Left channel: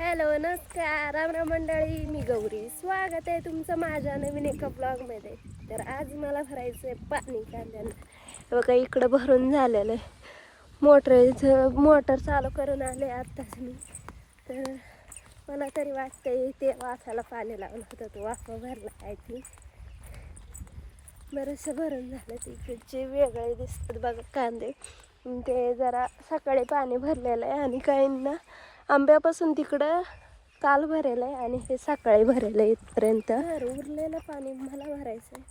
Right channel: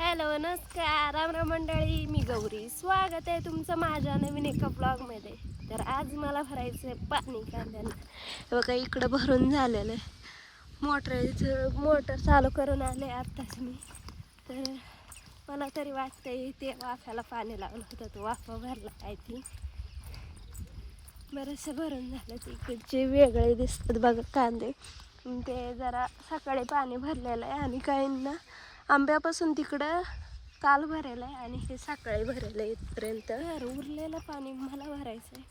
Hello नमस्कार. राम मंडळी मी गौरी. स्वागत आहे तुमचं माझ्या नवीन एका ब्लॉगमध्ये. तर आज मला भरायचं आहे पाणी कांद्यानं बघा इकडं भरून झालेलं आहे. मोटर मोटर चालू करून आले आत्ताच मी. तर मला तरी वाटतंय ते वाफ्याला पाणी लावलं होतं तो वाफा भरला काय ती बरंचसं भरून झालं तिकडचे इकडचे वेगळे दिसतात बघा कांदे. ते जरा सकाळी पाणी भरलेलं आहे आणि काहींना आंब्यापासून तिकडं काल भरेलं आहे आणि हे सकाळी भरेलं आहे इथपर्यंत. तर उरलेलं पाणी मला भरायचं आहे.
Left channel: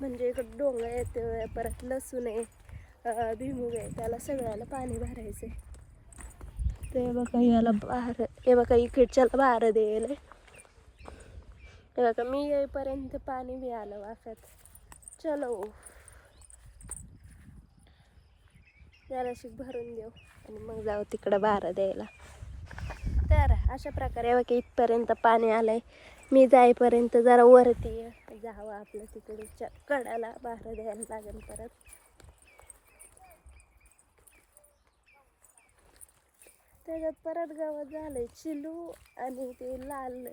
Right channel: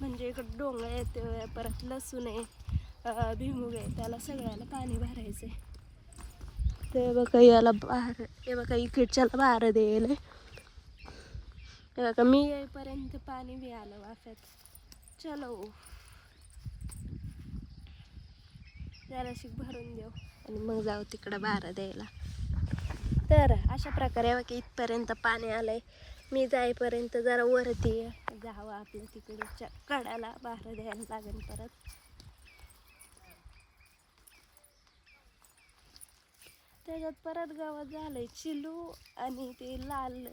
म्हणजे इकडं डोंगर येते परत लसूण आहे अं, भुईमुग आहे त्याला सगळ्याला पाणी भरायचं आहे. ते बघा याला बार हे बघा इकडच्याला बार द्यायला हे बघा मी येईपर्यंत पाणी बी आलं वाफ्यात. चलो. जराशी भरून देऊ आणि मग जाऊ तिकडं बारा द्यायला. तर अशा प्रकारे बघा इथपर्यंत पाणी आलंय. मी जाईपर्यंत जरा वरती जावं आपलं तिकडच्या कडाला बाहेर द्यायला लागेल परत. त्याच्यात परत गावात झालंय चिलू आणि ते लाल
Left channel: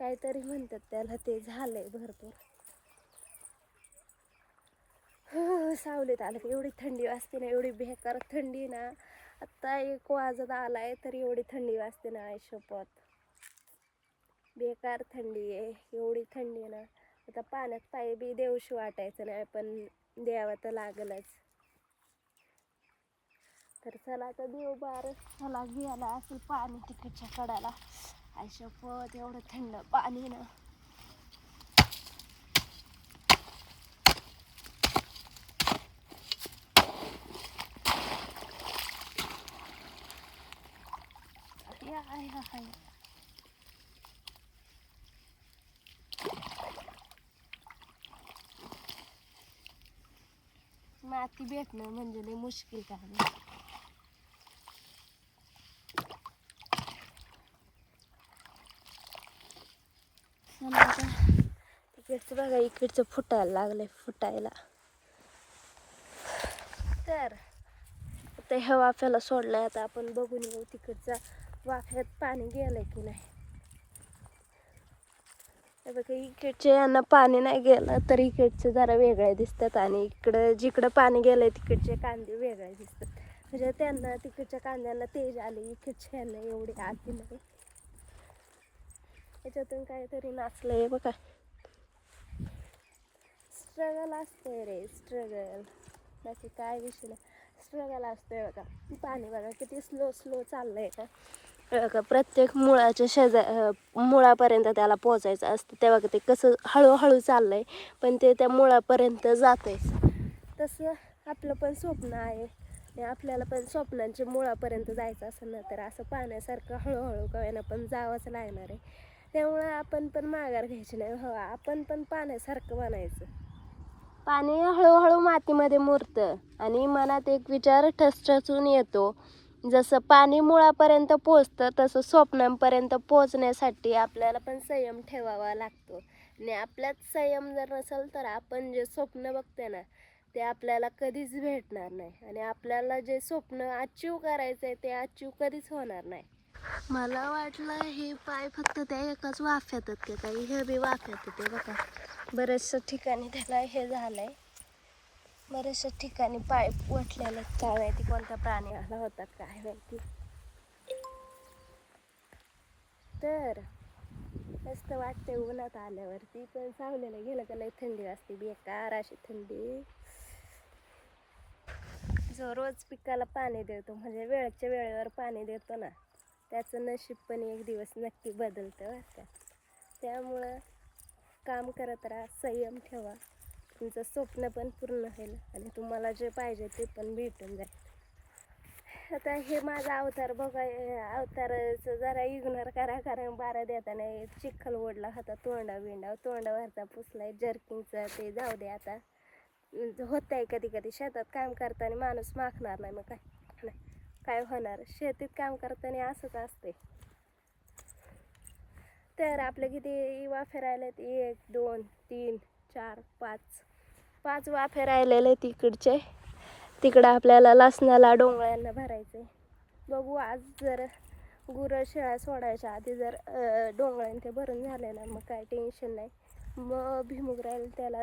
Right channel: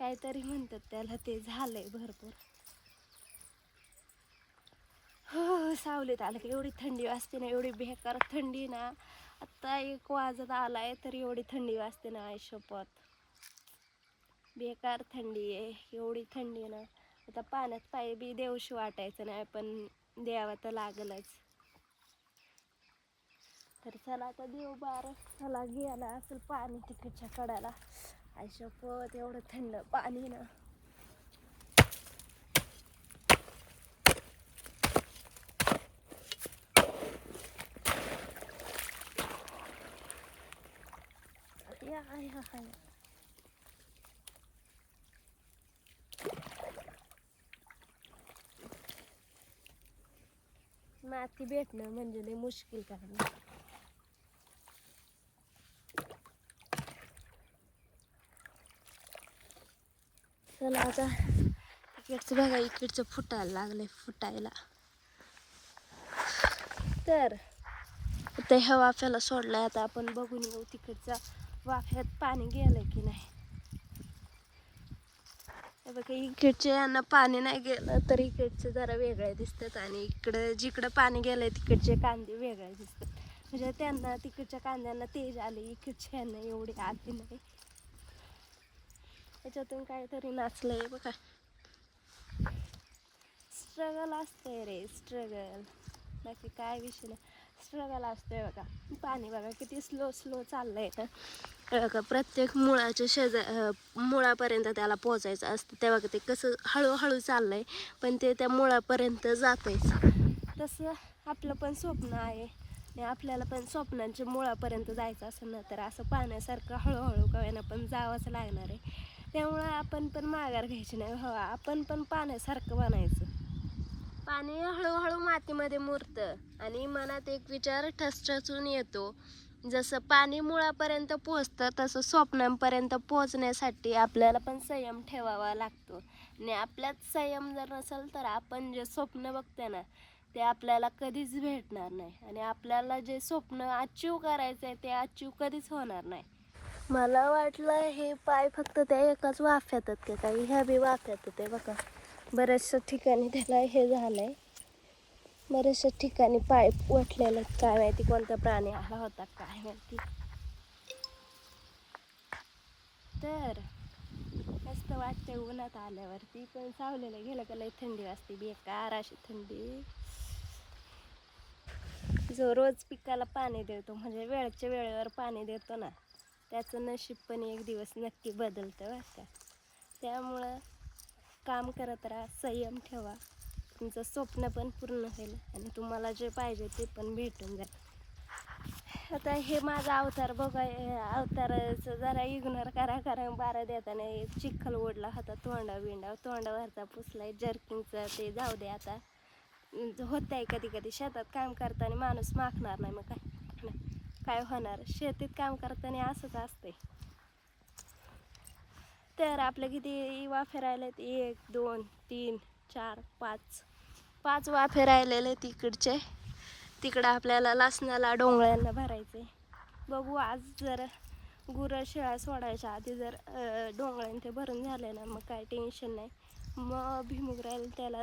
काहीतरी म्हणतात त्याला ते झालंय भरपूर. हो सावलीत आलं की एवढी थंडी वाजते ना एवढी बेकार थंडी ना. आत्ता एक वाजत आलाय तर एवढी थंडी वाजते ना आयुष्यपत बेकार थंडी आहे एवढी थंडी आहे ना. आता पाण्यात पाय बी देऊशी वाटायचं नाही पण द्यावं तर लागलच. तर चला आता देव बार चला घ्यायला असेल पाणी तिकडच्या कडाला. आयुष्यपत एवढं थंड पाणी ना. या या या माती भेटणं म्हणजे मुश्किल काम आहे. चला आता तिकडचं बघा इकडचं फुटायला लागलंय फुटायला तर ते हवा आपल्याला सोडलाय आता आपण बघून येऊ तिकडचा वाफ्यात पाणी गेलंय की नाही? हे बघा इकडच्या यांना पाणी नाही गेलं तर इकडचे जरा वेगळे दिसतात आणि इकडं जिकडं पाणी गेलंय तिकडचे कांदे वेगळे दिसतात. म्हणजे त्यांना तिकडच्या कांद्यांना तेज आले इकडच्या यांना एवढी आली नाही. याच्यातून काहीतरी नाचलंय बघा. स्ट्रगल असतंय रे स्ट्रगल बाकी काय विषय नाही. स्ट्रगल असतोय बघा. पाणी बघा किती स्लो स्लो चाललंय बघा प्रत्येक मुळाच्या शेजा मुळापर्यंत त्याला पोचायचं असतं. तेव्हा ते कसं हळूहळू चाललंय पण ते त्या मुळापर्यंत जातंयच तसं आपलं पण स्वप्न आहे. आणि आपल्याला पण स्वप्नांच्या मुळापर्यंत जायचं असं ना तर असं पाण्यासारखं हळूहळू कव्यानं पण जावंच लागणार आहे. त्यामुळं आपण पण माघार घ्यायची नाही. हवा आपण पण पाण्यासारखं बनायचं. पाणी हळूहळू मातीमध्ये मुरतं आणि मनात एक विचार ठसठसून येतो. जसं पाणी मुळापर्यंत पोचतं तसं स्वप्नांपर्यंत पोचण्यासाठी आपल्याला पण संयम ठेवावा लागतो. आणि आपल्यात संयम जर नसेल तर आपण जे स्वप्न बघते ना ते आपल्याला कधीच भेटणार नाही. आणि आपल्याला जे स्वप्न अचीव करायचं आहे ते अचीव कधीच होणार नाही. मला वाटलं हे पाय फक्त त्या एकाच वाफ्यात का काही ह्या बी वाफ्यात ते बघा. बऱ्याचशा ठिकाणी त्याला हे झालं आहे बऱ्याचशा ठिकाणी पाय वटलेले काय माहिती कोणता प्राणी आला होता काय माहिती. तर मस्त वाटते उन्हात आल्यावरती. पण सावलेलं गेलं का लय थंडी वाजते. बेकार अशी थंडी. जो रोज पिकाला पाणी देतो म्हणजे वेळच्या वेळेवर पाणी देतो ना त्याचं नशीब पण एक दिवस नक्की बदलतं वाटतं त्यामुळं काम करत राहा संयम ठेवा. तुमचं स्वप्न पण पूर्ण होईल आणि तुम्हाला जे पाहिजे ते पण भेटून जाईल. आता हे माझा अवतार बघा अवताराचं जरा इग्नोर करा कारण बारा देताना हे चिखल ओढला होता तोंडा बिंडा तोंडावरचा पुसलाय जर्किंगचा ते जाऊ दे आता. होत आहे कधी कधी शेतात काम करताना माणूस माखणार नाही मग काय? नाही. काय होणार? शेतीत काम करताना असंच असते तर आपलं किती वाफे राहिलेत एक दोन तीन चार पाच. पाच वाफे राहिलेले तिकडचे तिकडं आपल्याला लसणाला डोंगळ्यांना भरायचे बघू आज जर गुरं शेळ्या सोडायच्या आधी जर डोंगळ्यां ते भरून झाले ना मग काय टेन्शन नाही. मग भिमुग त्याला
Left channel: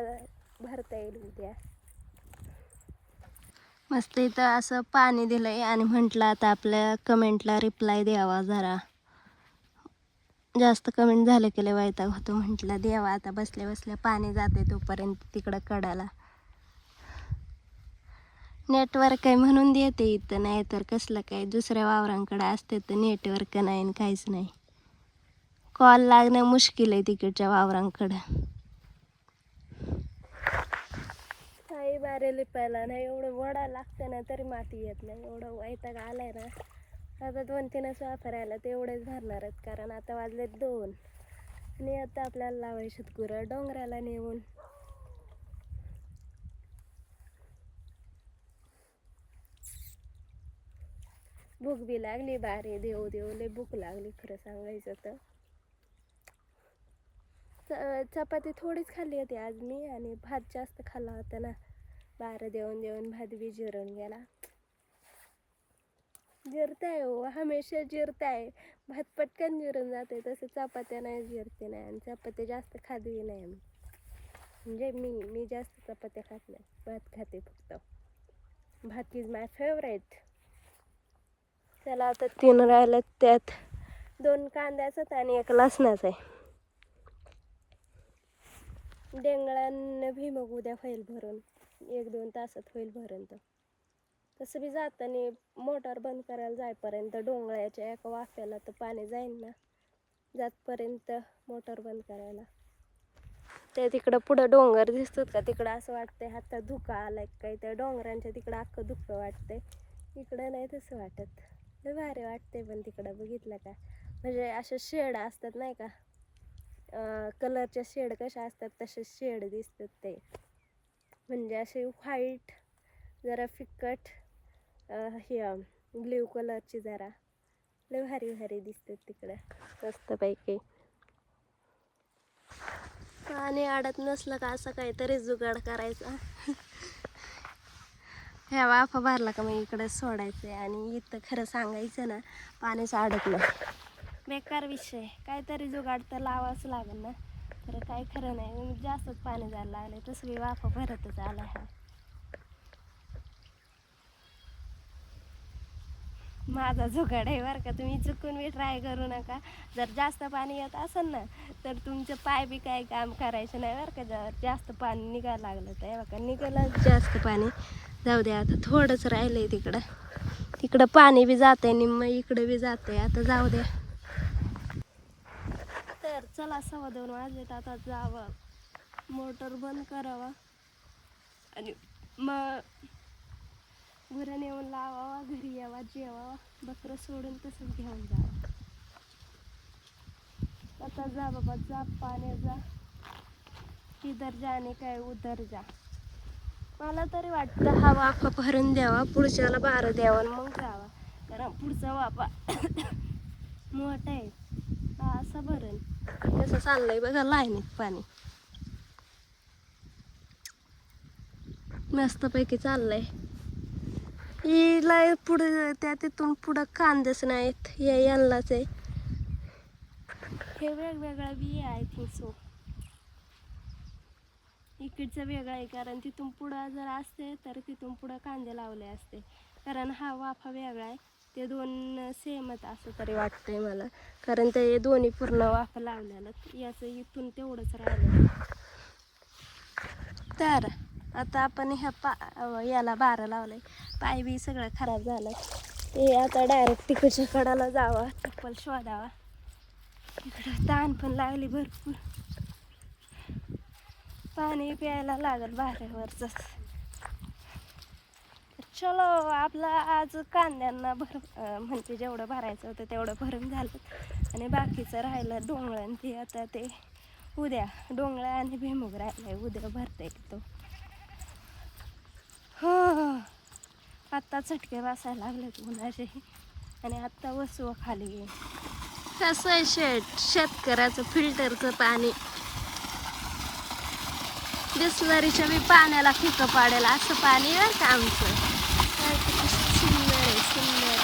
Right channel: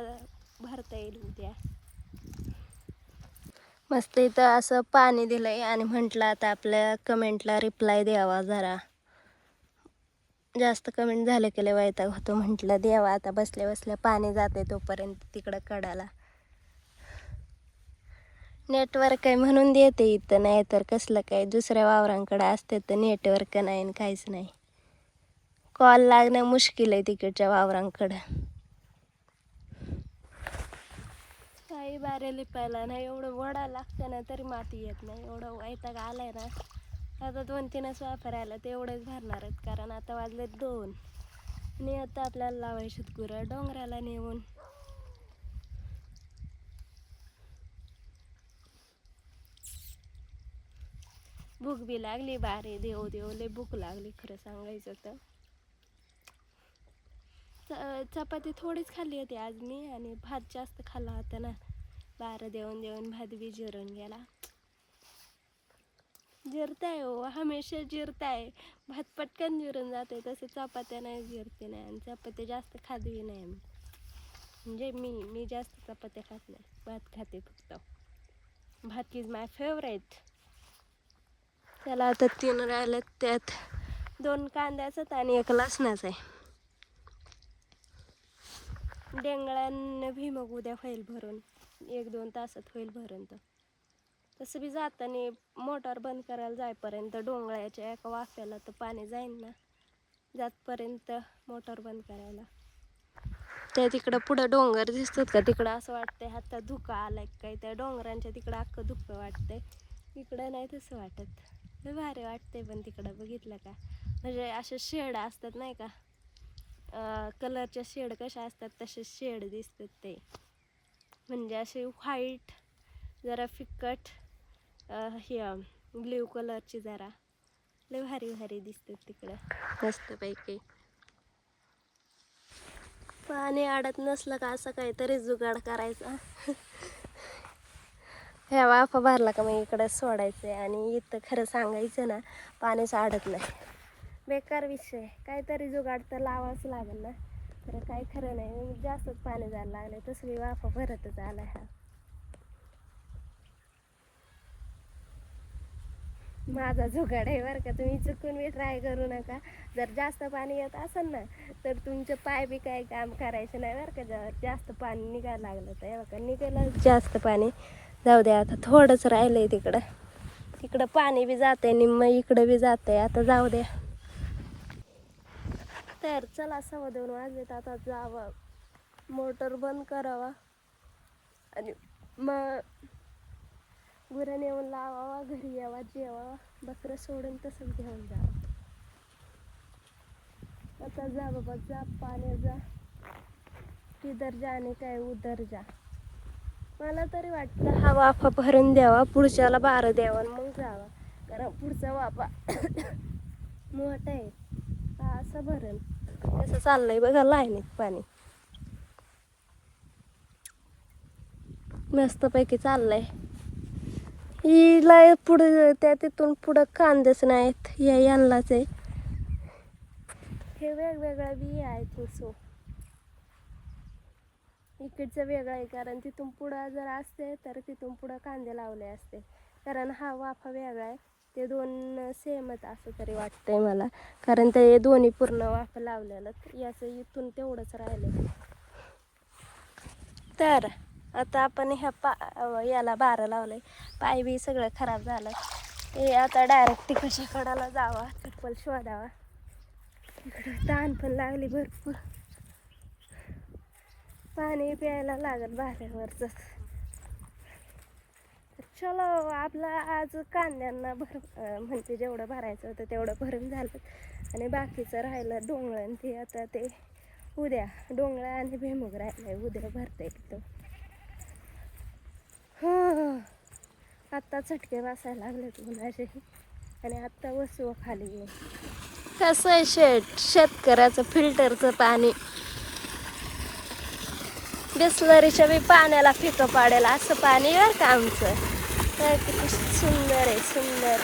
भरता येईल उद्या. मस्त इथं असं पाणी दिलंय आणि म्हटलं आता आपल्या कमेंटला रिप्लाय द्यावा जरा. जास्त कमेंट झाले केलं वैताग होतो. म्हटलं देवा आता बसल्या बसल्या पाणी जाते तोपर्यंत तिकडं कडाला. नेटवर्क आहे म्हणून देते इथं नाही तर कसलं काय? दुसऱ्या वावरांकडे असते तर नेटवर्क नाही आणि काहीच नाही. कॉल लागणं मुश्किल आहे तिकडच्या वावरांकडं. काही बारे लिपायला नाही एवढं वडा लागतं ना तरी माती येत नाही. एवढं वैताग आलाय ना. आता दोन तीनच वापर आला ते एवढेच भरणार आहेत कारण आता वाजले दोन. आणि आता आपल्याला लावायचे गुरं डोंगराला नेऊन. भूक बी लागली बारे देव देव लय भूक लागली खरं सांगायचं तर. च- चपाती थोडीच खाल्ली होती आज मी आणि भात जास्त खाल्ला होता ना. बारं देऊन देऊन भात बी जिरून गेला. जिरताय हो हमेशा जिरताय. भात पटकन जिरून जाते तसे चपात्या नाही जिरते नाही आणि चपात्या जास्त खाती नाही मी म्हणजे मी मी जास्त चपात्या खात नाही भात खाते फक्त. भात इज माय फेवरेट चला आता तीन राहिलेत त्यात दोन कांद्याचात आणि एक लसणाचा आहे डेंगळ्यानं भीमग उद्या होईल भरून. एक दोन तासात होईल भरून तर तसं बी जाताना मोटार बंद करायला जायपर्यंत डोंगळ्याच्या एका वाफ्याला तर पाणी जाईन ना. जातपर्यंत मोटार बंद करायला. त्या तिकडं पुढं डोंगर दिसतात का? तिकडं असं वाटतंय हातात धुका आलाय काय? त्या डोंगरांच्या तिकडं अख्खं धुकं वाटतंय. इकडं नाही तसं वाटत. लय भारी वाटतंय पण तिकडं. बघितलं का? म्हणजे अशा शेड असतात नाही का? कलरच्या शेड कशा असतात तसे शेड दिसतात ते. म्हणजे असे व्हाईट जरा फिकट हे ब्ल्यू कलरची जरा. लय भारी भारी दिसते तिकडं. मस्तपैकी. पाणी अडत नसलं का असं काहीतरी जुगाड करायचा? ह्या वाफा भरला का मग इकडं सोडायचं आणि इथं खरं सांगायचं ना पाणीच अडकलं बेकार विषय. काहीतरी जुगाड तर लावाच लागेल ना. खरं काय खरं नाही. मग जास्तच पाणी जायला लागलं तसं वाफ वाफा भरतच आला हा. माझा जुगाड आहे बरं का. तुम्ही चुकून मी ट्राय करू नका. जर जास्त पाणी येत असेल ना तर तुमचं पाय बी काही काम करायचं नाही बरं का. जर जास्त पाणी निघायला लागलं तर. बरं का निघालं जास्त पाणी. जाऊ द्या आता थोडंच राहिलंय तिकडं. तिकडं पाणी बी जातंय निम्म इकडं बी जातंय. आता जाऊ द्या तर चला सव्वा दोन वाजलेत. आता जावं. मोटर बंद करावा. आणि मग गुरं नेऊन लावावा घरी यावा जेवावा बकरं सोडून तसंच घेऊन जावं. आता जा बाबा जा पाण्या जा. इधर जाणे काय उधर जा. मला तरी वाटतं हा वाफा भरून द्यावा पुढच्याला बारं द्यावा आणि मग जावा. कारण पुढचा वाफा मोठा आहे. हा असं भरण तसं चाललंय बघा लाईनीत पाणी. मस्तपैकी चाललंय. हिला पुढं त्या तिथून पुढं कांदेच नाहीत. या यांनाच आहे. हे वेगवेगळ्या बी आय थिंक सो इकडचं वेगळं आहे कारण तिथून पुढं जर असते तर तिथून पुढं कांदे लावले असते. कारण हा वाफा वेगळा आहे. ते दोन सेमच असं तरी वाटतंय मला. कारण ते दोन्ही पूर्ण वाफा लावलेलं. याचं इथून तेवढंच राहिलं. तर आता आपण ह्या पा याला बारं लावलंय. पाय बी सगळं खराब झालं. ते आता डायरेक्ट तिकडच्या कडाला जावा चप्पल शोधावा. इकडं ताण पण लागली भरपूर. पाणी प्यायला लागल बाहेरवरच चलो आपला आज कांद्यांना भर म्हणजे जेवढं भरायचं होतं तेवढं भरून झालं. आणि बाकीचं राहिलं डोंगळं ते आता ते उद्या. डोंगळा आणि भेमुग राहिलाय उद्या भरता येतो आत्ता चटके बसायला लागलेत उन्हाचेही आणि आत्ता वसू खाली ये कसं आहे शेट? शेतकऱ्याचं फिल्टरचं पाणी. बिस्लरीच्या मी पाण्याला फिकं पाडेल असं पाणी आहे का आमचं. किती सुंदर आहे सुंदर.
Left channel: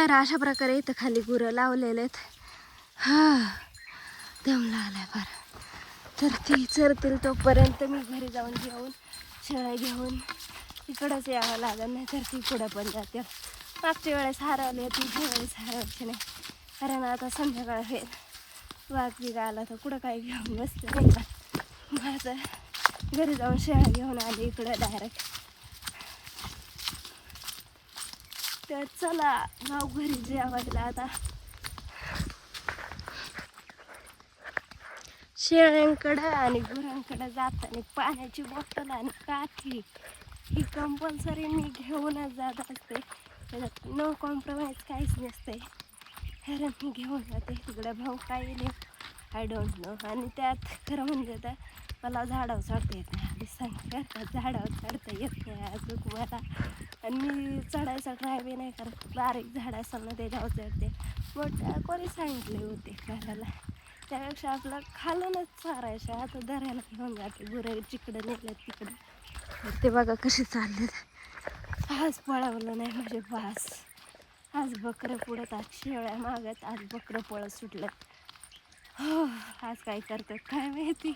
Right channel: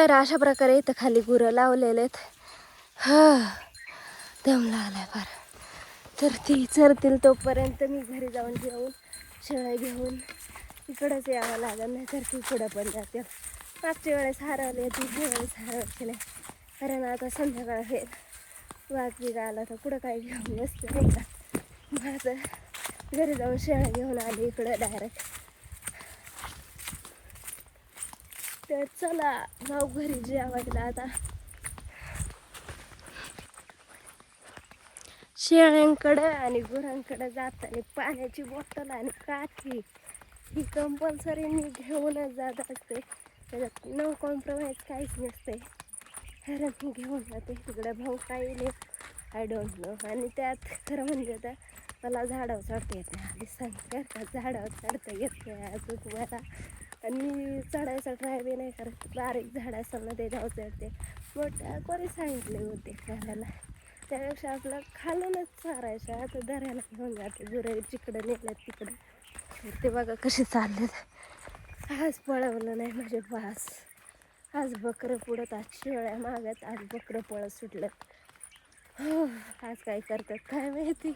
तर अशा प्रकारे इथं खाली गुरं लावलेले आहेत. हा दम लागलाय फार. तर ती चरतील तोपर्यंत मी घरी जाऊन घेऊन शेळ्या घेऊन इकडंच यावं लागेल नाही तर ती पुढं पण जाते. मागच्या वेळेस हरवली होती ह्या वेळेस हरवायची नाही. कारण आता संध्याकाळ होईल. वाघ बिग आला तर कुठं काय घेऊन बसते? नाही का माझं घरी जाऊन शेळ्या घेऊन आली इकडं डायरेक्ट तर चला भाऊ घरी जेवायला आता. शेळ्यांकडे आणि गुरांकडे जाताना पाण्याची बॉटल आणि काठी. ही कंपल्सरी मी घेऊनच जात असते. त्याच्यात नो कॉम्प्रोमाइज काहीच नसते. कारण मी घेऊन जाते. तिकडे भाऊ काही नाही आय डोंट नो आणि त्यात खरं म्हणजे तर मला झाडावर चढता येत नाही. आधी सांगते का झाडावर चढता येत नाही अजून मला. आणि मी चढायचा ट्राय बी नाही करत बारीक झाड असेल ना त्याच्यावर चढते मग कोणी सांगितले होते करायला त्यापेक्षा आपलं खालूनच चारायचं आता दराला घेऊन जाते गुरं जिकडं नेलं तिकडं. ते बघा कसे चाललेत आज पळवलं नाही म्हणजे बास आज बकरं पुढत आज शेळ्या मागत आज बकरं पळत सुटलं. हो आज काय करतात काय माहिती.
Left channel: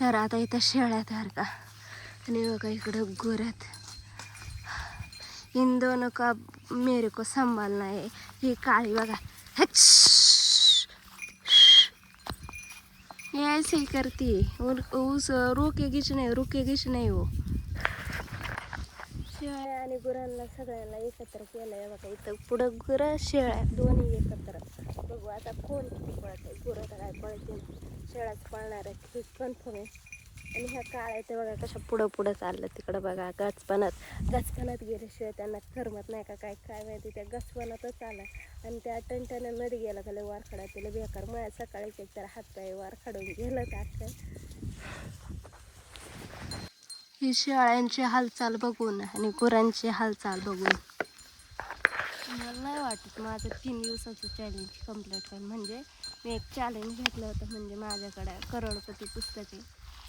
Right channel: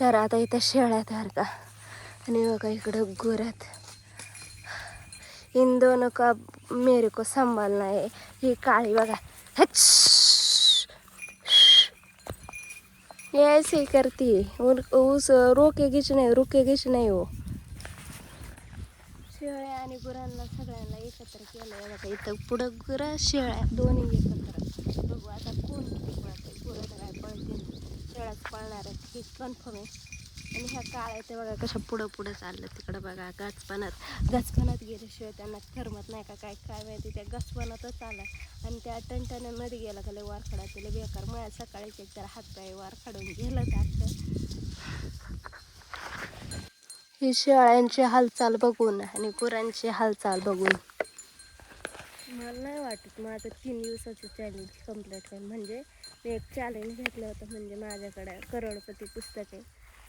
तर आता इथं शेळ्या तर का आणि बघा इकडं गुरात इन दोनों का मेरे को संभालना है. ही काळी बघा. हच. ऐसे करती. है उन- उस रोकेगीच नाही रुकेगीच नाही हो. शेळ्या आणि गुरांना सगळ्यांना एकत्र केलं. आहे बघा इथं पुढं गुरं शेळ्या दोन्ही एकत्र. बघू आता कोण किती पळते गुरं तर काय पळतील. शेळ्याच पळणार आहे हे कन्फर्म आहे. आणि ह्या काळ्या ते बघा कशा पुढं पुढं चाललं तिकडं बघा गचपणात गचपणात गेल्याशिवाय त्यांना करमत नाही का काय? काय माहिती त्या गचपणातच आला. आणि त्या टणटण्यामध्ये गेला का लय वार त्याला बेकार. माझ्या सकाळीच एक तर हात पाय वार खडून गेलं अख्खं. ही शेळ्यांची हालचाल बघून आणि गुरांची हालचाल बघून. मला नाही वाटत माझं तीन दिवसाचं चॅलेंज कंप्लीट होईल. म्हणजे मी एक चॅलेंज घेतलं होतं म्हणजे माझ्याकडे करोडपती पुस्तक आहे.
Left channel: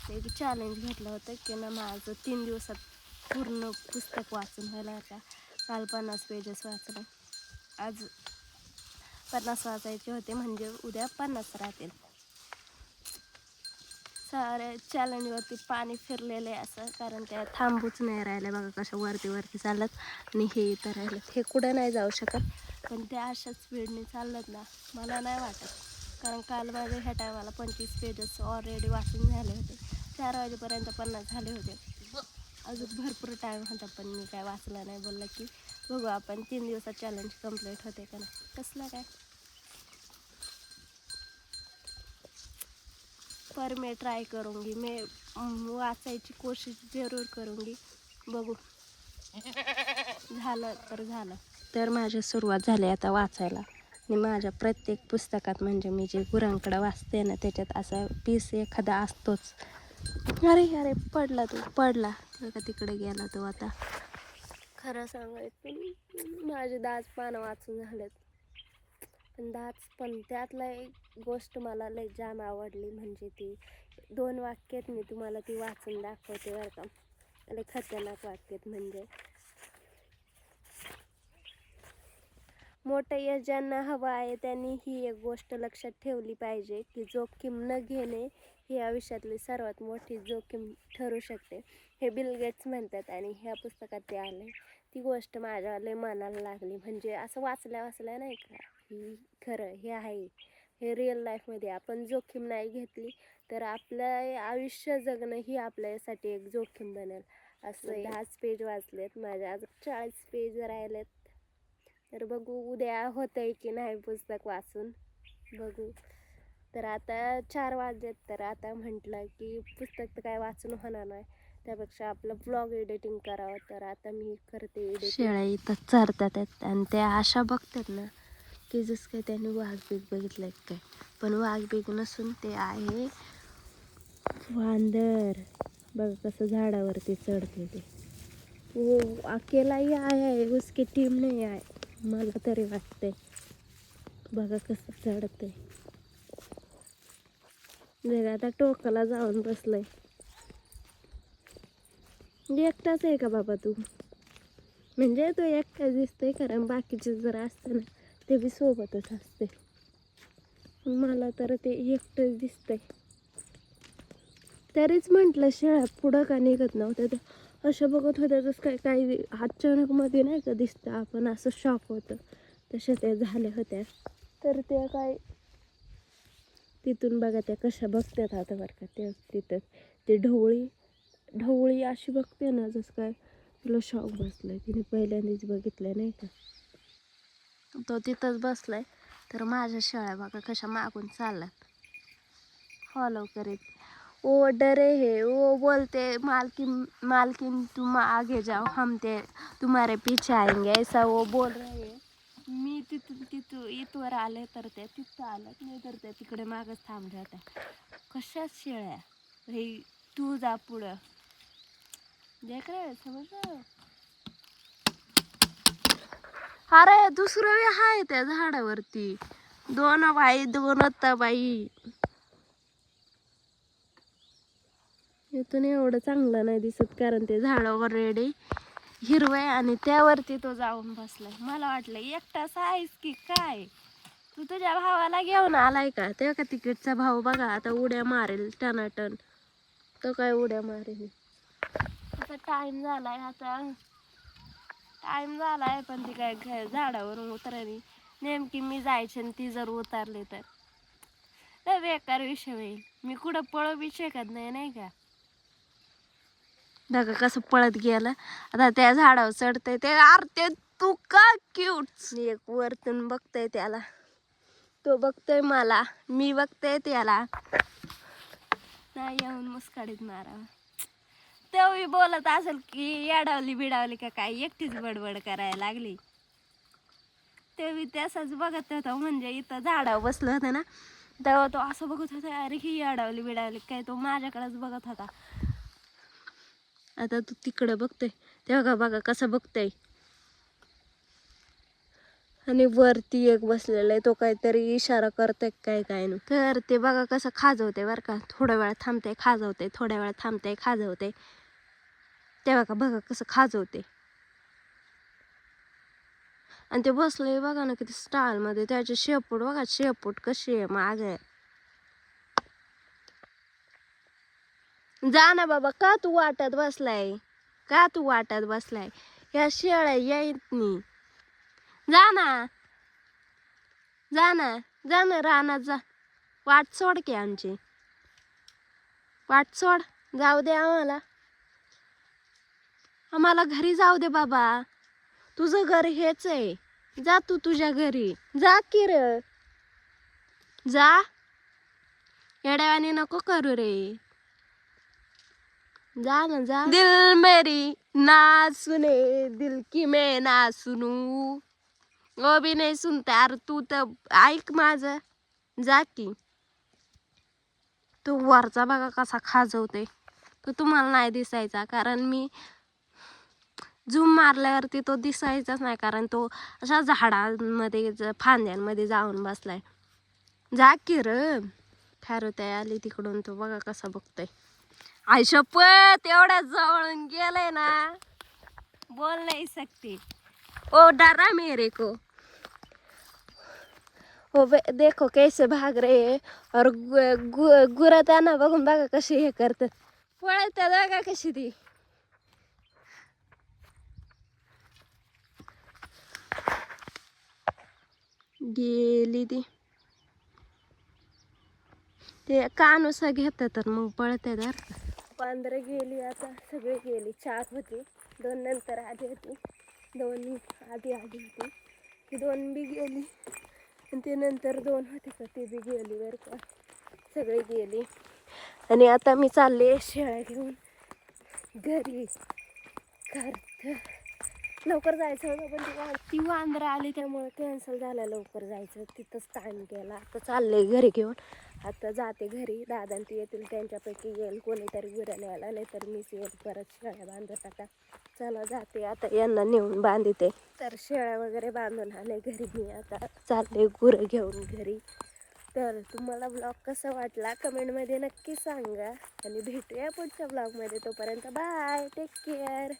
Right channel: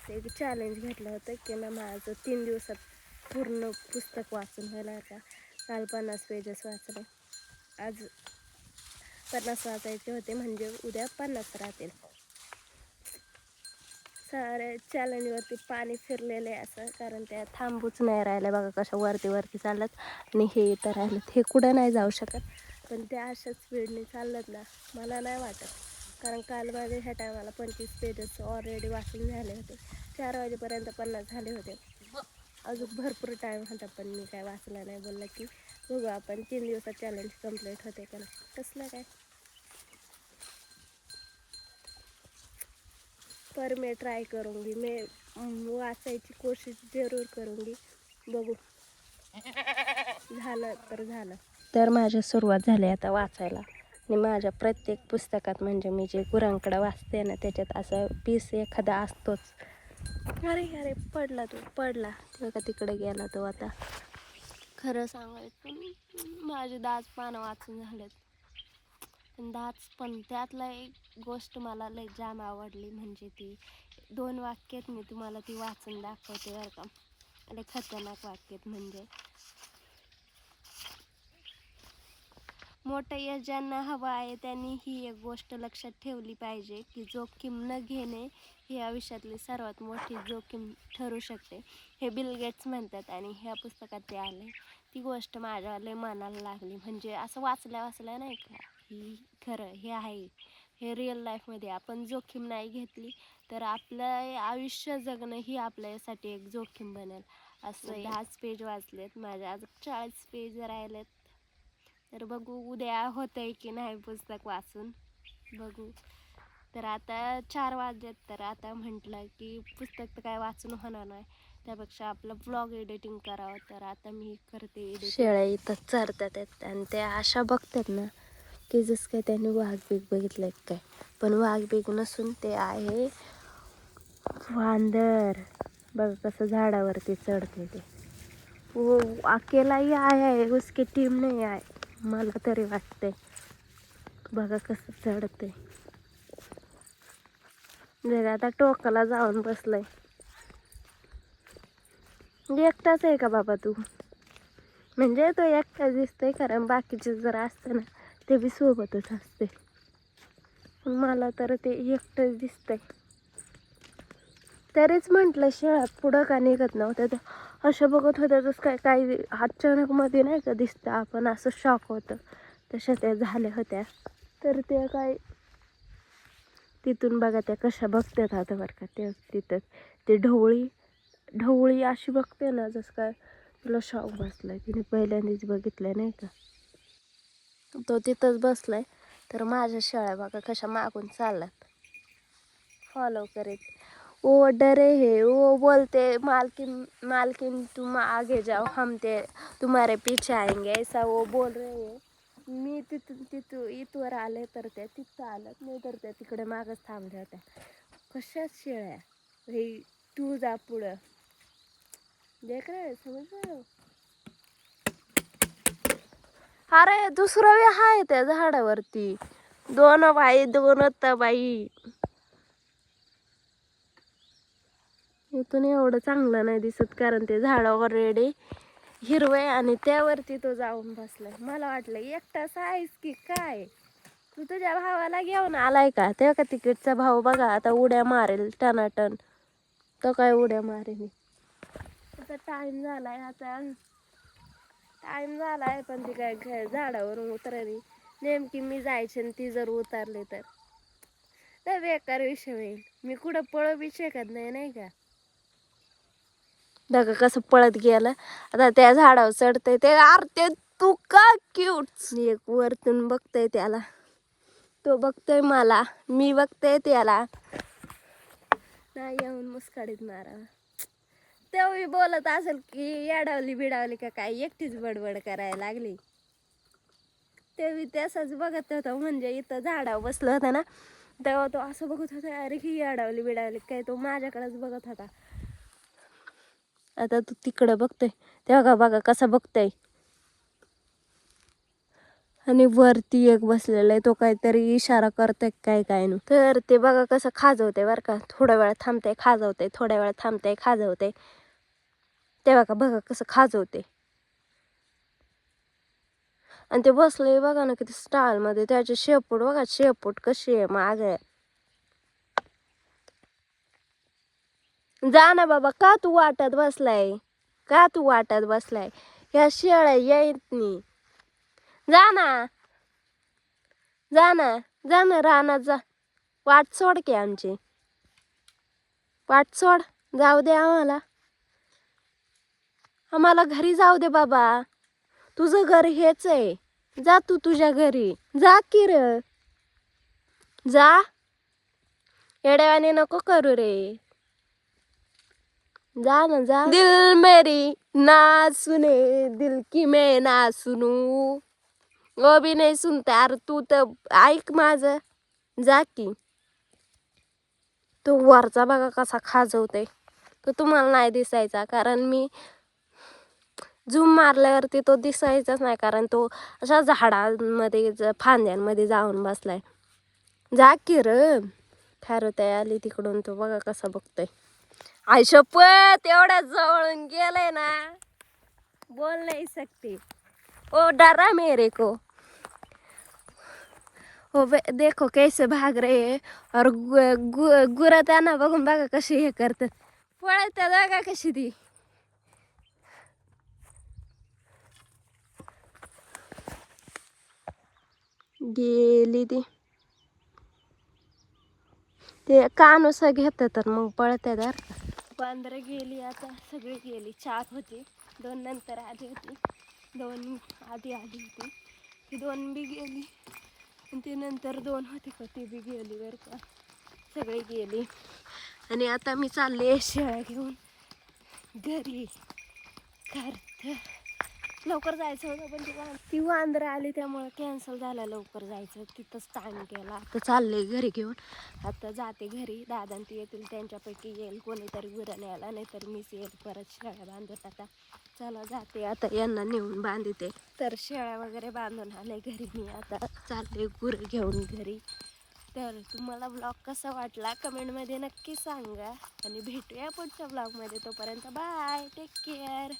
एक चॅलेंज घेतलं होतं की ना माझं तीन दिवसात पूर्ण पुस्तक वाचून व्हायला आता. काल पन्नास पेजेस वाचले. आज पन्नास वाचायचे होते म्हणजे उद्या पन्नास राहतील. सारे चॅलेंजवरती पाणी फिरलेले आहे असं कारण ते थांबूच नाही राहिलं. बघा कशा वरती वरती चालत आणि हे तर राहिलं हे कुठं नाही जाऊ शकत. पण ते अशा स्पीडने चाललं ना मला नाही वाटत. कारण काल माझे ह्या टायमाला पंचवीस पेजेस ऑलरेडी वाचून झाले होते. चार वाजेपर्यंत पन्नास झाले होते. अजून भरपूर टाईम होता पण मी काय वाचला नाही. बोललं की बघू आपण तीन दिवसात चॅलेंज कंप्लीट होते का ना कसलं काय? पर मी ट्राय करूंगी. मी वाचायची कोशिश जरूर करूंगी. बघू. झालं तर झालं. तर माझी सुरुवात झाली आता वाचायला. आणि माझ्या प्रत्येक पुस्तकात म्हणजे मी जे गुरांकडं वाचते ना त्याच्यात असा पीस एखादा असतोच. अरे अरे पडला तो पडला. तो का तिकडे गेला तो आता. खरं सांगायचं माझे दाज पानं वाचून झालेत. पण दाज पण त्यातला एक गोष्ट मला लय जाम आवडली म्हणजे ती दोन वाक्यात मी तुम्हाला ती वाचून दाखवते बरं का. लय खतरनाक वाक्यात म्हणजे मोठं यश ज्यांना हवं आहे त्यांनी ही एक गोष्ट लक्षात ठेवली पाहिजे की जोखीम न घेणे ही आयुष्यातली सर्वात मोठी जोखीम ठरू शकते. हे बिल गेट्स म्हणतात आणि ह्या पुस्तकात ते आले ती गोष्ट माझ्या लय मनाला लागली. म्हणजे असं वाचल्या वाचल्या नाही का ही खरं हे आहे. हे रिअल लाईफमध्ये आपण जोखीम नाही घेतली तर आपलं आयुष्य जगणं ही आपल्यासाठी एक जोखीम बनेल. असं दहाच पेज वाचलेत. माझ्या आज चाळीस पेज राहिलेत. तर बघू उद्या होतंय की नाही पुस्तक वाचून. बघू. तर आता चार वाजलेत तर आता म्हटलं की पुस्तक तर काय वाचून होणार नाही. त्यापेक्षा आपलं ब्लॉग एडिटिंग करावं तर आता मी करते एडिटिंग शेळ्या इथं चरतात आहेत आणि त्या अशा बघतात ना की जसं काय त्यांनी वाघ बीग बघितलं काय. पण वाघ बीग नसून ते आहे वांदर. बघ कसं झाडावरती चढते ते. वो अकेलाही आहे उसकी टीम नाही आहे. मला तरी वाटते बघा कसं चढते जग आता टोकाला जाऊन बसलंय. एकटाच आहे का बाबा तू? म्हणजे तो एकटाच दिसतोय कारण बाकीचे जर असतं ना ते बी सोबतच असते. पण मला तर ते एकटंच दिसतंय. तरीच म्हटलं शेळ्या पुढं का निघत नव्हत्या त्या. अशा बघत होत्या तसं काय काही अचानक मध्ये नाही का दिसतं आपण असं शॉक होतं. तशा त्या झाल्या होत्या. तर त्या काय तिथून बघा त्या कशा बघतात आता बरं का. ते तिथं ते ढवळी ढवळी अशी बघते ना जसं काय तुला शॉक बसलाय. तिने पहिल्यांदाच बघितलं नाही का. तो तिथंच बसलाय. तर माझ्या शाळा बघा कशा मागून चालल्यात. फॉलो करीत. ओ डरे है. वो बोलते मालकिन मालकिन तुम आगे जाओ हम ते तुम्हारे पीछे आएंगे. ऐसा वो बोल रहे हैं. मी तिथून तिथं इथवर आले तर त्या तिथं आलं नाही तर त्या तिकडे मागच थांबल्या होत्या कशाच शेळ्या हे तू जा पुढं. देख रे समज हो? अरे दुसरं वे आहे त्या झाडावरती. दोन बाई दोन बाई इथून एवढं चांगलं नाही दिसत कारण ते झाड ऑलरेडी हिरवं आणि त्यावरती तो जाऊन बसलाय. मला वाटलं एकटाच आहेस की काय? तू तुझ्या भावाला घेऊन आलाय का? तेव्हा का तिकीटचा भाऊ बघा आता उड्या मारेल टनाटन. तो काय उड्या मारेल? आता टाइम झालाय आता. टाइम झालाय पण ती काय घ- झाडावरून उतरली. नेमकी मी जायची आणि ती जर उतरली तर. बेकार विषय होईल. मी कुठं पळू बी शकत नाही नाही का? धगा कसं पळत गेलं. आता त्या झाडावर चढतंय ते. अरे ते तू का क्यूट एक वरतून बघतय त्याला. तो बघतोय मला. मी बघतोय त्याला. नाही येऊन मुस्काडीत मारावा. तो बोलत असेल की येडावली बिडावली का काय? एकटीच बडबड करायला लागली. ते बी तसंच बघत होता. म्हणजे इथं झाडावर बसलं होतं ना तेव्हा तो असं बघत होता अरे ही येडावली बिडावली काय? तो माझ्याकडेच बघत होता. आता तू तिकडं बघतोय. तेव्हा का बघा कसा बघतोय. आणि वरती एक बसलेला आहे तो काहीतरी इशारा करतोय काय काय नाही. तर ते बघा कसं खाजवते बरं का. थोड्या वेळ थांबते खाजवते थोड्या वेळ थांबते खाजवते तेव्हा का बघा कसं खाजवते आणि ते बसले बघा ना किती स्टाईल मध्ये. त्याची शेपूट बघा शेपूट कशी आहे मागे. जा ना बाबा का तू वाटत बसलाय? का तू वाटत बसलाय? ह्या शेळ्या येत नाही. जा ना. जा ना. जा ना रानात जा. वाट सोड की आमची. वाट सोड. जाऊ दे आम्हाला. आम्हाला घरी जाऊ दे बाबा. तुझं घर हेच आहे. जा तू तुझ्या घरी. जा की र जा. येड्यावाने नको करू रे. जा ना जा. दिल मेरी ना सुने दिल की मैं ना सुनू. वो भी नाही सुनता अरे तू तर ऐक माझं. जा की. तो वरचा बघा कसा खाजवते तो तुम्हाला नाही दिसायचा कारण मी झूम मारल्यावरती तो दिसायचाच नाही कारण तो अशा झाडांमध्ये फांद्यांमध्ये जाऊन बसलाय. जा की र. खरं आली तिकडून तो बघा कसा बघतोय. आई शपथ एवढ्या जवळून गेलंय ना. बोल नाही सकते ओ डरा मेरे को. ओ बे- देखो कैसे भाग रहे हैं और गुरं त्यांना बघून बघा कशी हे करतात पळत जागा कशी ती. गेली ती. ते कानुसा घेत तर मग पळते तर पांढरं गेली आता सगळी गेली. चार होती. दोन नंतर आली होती. दोन आधी आली होती. ती दोन बी गेली. आणि ते नंतर दोन होती का ती बी गेली बरं का. सगळी गेली. आणि आता मी चालले शेळ्या घेऊन घरी. कार्त लवकर जायचं होतं पण ती ती वांदरं आली त्यामुळे कॅन्सल झालं. लवकर जायचं तिथंच टाईम केला तर चालले घरी घेऊन. आता जाते घरी. दादा ती येतील त्यांच्यापैकी येईल. कोणीतरी गुऱ्या न्यायला नाहीतर मीच येईल परत शेळ्या बांधत आता. चला जाते आता. यांना नेऊन बांधते. तर शेळ्या वगैरे बांधून आले घरी मी आता. चालले गुरं घेऊन घरी. तर तुम्हाला ब्लॉग कसा वाटला? कमेंटमध्ये नक्की सांगा. आणि भेटूया पुढच्या ब्लॉगमध्ये तोपर्यंत बाय टेक केअर